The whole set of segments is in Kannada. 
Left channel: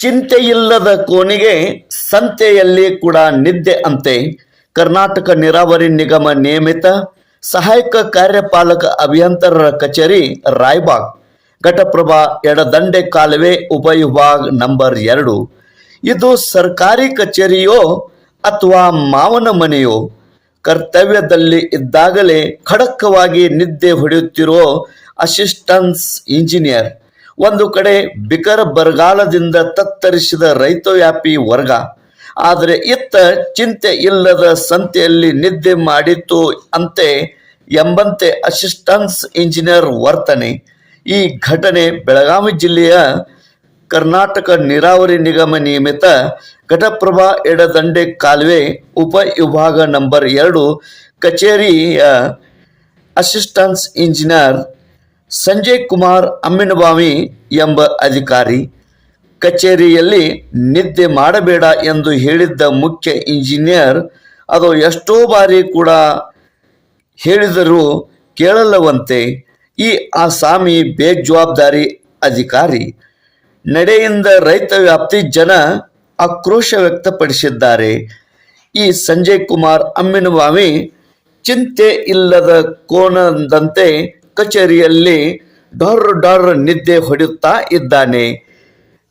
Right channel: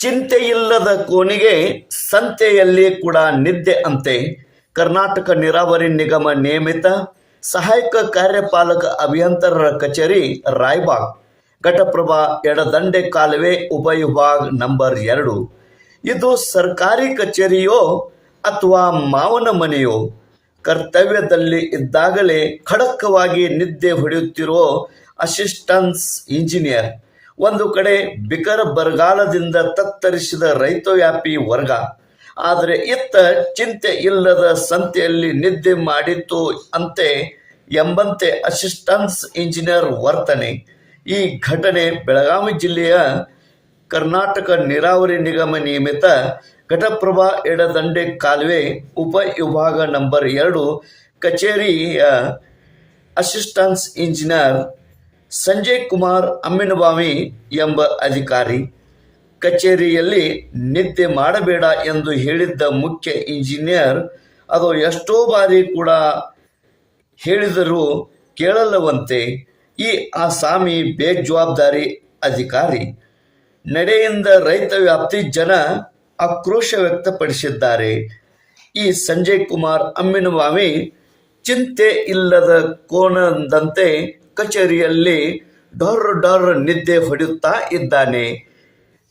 ಚಿಂತೆಯಿಲ್ಲದ ಕೋನಿಗೆ ಸಂತೆಯಲ್ಲಿ ಕೂಡ ನಿದ್ದೆ ಅಂತೆ. ಕರ್ನಾಟಕ ನೀರಾವರಿ ನಿಗಮ ನಿಯಮಿತ ಸಹಾಯಕ ಕಾರ್ಯಪಾಲಕ ಅಭಿಯಂತರರ ಕಚೇರಿ ರಾಯ್ಬಾಗ್. ಘಟಪ್ರಭಾ ಎಡದಂಡೆ ಕಾಲುವೆ ಉಪವಿಭಾಗ್ ನಂಬರ್ ಎರಡು. ಇದು ಸರ್ಕಾರಿ ಕಚೇರಿಯೋ ಅಥವಾ ಮಾವನ ಮನೆಯೋ? ಕರ್ತವ್ಯದಲ್ಲಿ ಇದ್ದಾಗಲೇ ಖಡಕ್ಕವಾಗಿ ನಿದ್ದೆ ಹೊಡೆಯುತ್ತಿರೋ ಅಸಿಸ್ಟೆನ್ಸ್ ಇಂಜಿನಿಯರ್ ಒಂದು ಕಡೆ ಬಿಕರ ಬರಗಾಲದಿಂದ ತತ್ತರಿಸಿದ ರೈತವ್ಯಾಪಿ ವರ್ಗ. ಆದರೆ ಇತ್ತ ಚಿಂತೆ ಇಲ್ಲದ ಸಂತೆಯಲ್ಲಿ ನಿದ್ದೆ ಮಾಡಿತ್ತು ಅಂತೆ ಎಂಬಂತೆ ಅಸಿಸ್ಟೆನ್ಸ್ ಇಂಜಿನಿಯರ್ ವರ್ತನೆ. ಈ ಘಟನೆ ಬೆಳಗಾವಿ ಜಿಲ್ಲೆಯ ಕರ್ನಾಟಕ ನೀರಾವರಿ ನಿಗಮ ನಿಯಮಿತ ಘಟಪ್ರಭಾ ಎಡದಂಡೆ ಕಾಲುವೆ ಉಪ ವಿಭಾಗ ನಂಬರ್ ಎರಡು ಕಚೇರಿಯ ಅಸಿಸ್ಟನ್ಸ್ ಇಂಜಿನಿಯರ್ ಸಂಜಯ್ ಕುಮಾರ್ ಅಮ್ಮಿನಬಾವಿ ಎಂಬ ಅಧಿಕಾರಿ ಕಚೇರಿಯಲ್ಲಿ ನಿದ್ದೆ ಮಾಡಬೇಡ ಎಂದು ಹೇಳಿದ್ದ ಮುಖ್ಯ ಇಂಜಿನಿಯರ್, ಅದು ಎಷ್ಟೋ ಬಾರಿ ಕೂಡ ಹೇಳಿದರೂ ಕೇಳಲ್ಲವಂತೆ ಈ ಆಸಾಮಿ ಬೇಜವಾಬ್ದಾರಿ ಅಧಿಕಾರಿ, ನಡೆಯಿಂದ ರೈತ ವ್ಯಾಪ್ತಿ ಜನ ಆಕ್ರೋಶ ವ್ಯಕ್ತಪಡಿಸಿದ್ದಾರೆ. ಈ ಸಂಜಯ್ ಕುಮಾರ್ ಅಮ್ಮಿನವಾಮಿ ಚಿಂತೆ ಇಲ್ಲದ ಕೋನದಂತೆ ಕಚೇರಿಯಲ್ಲಿ ಡೊರ್ ಡೊರ್ ನಿದ್ದೆ ಹೊಡೆಯುತ್ತಾ ಇದ್ದಾನೆ.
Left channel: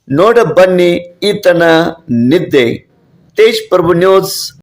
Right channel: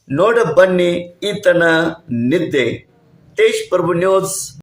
ನೋಡ ಬನ್ನಿ ಈತನ ನಿದ್ದೆ. ತೇಜ್ ಪ್ರಭು ನ್ಯೂಸ್.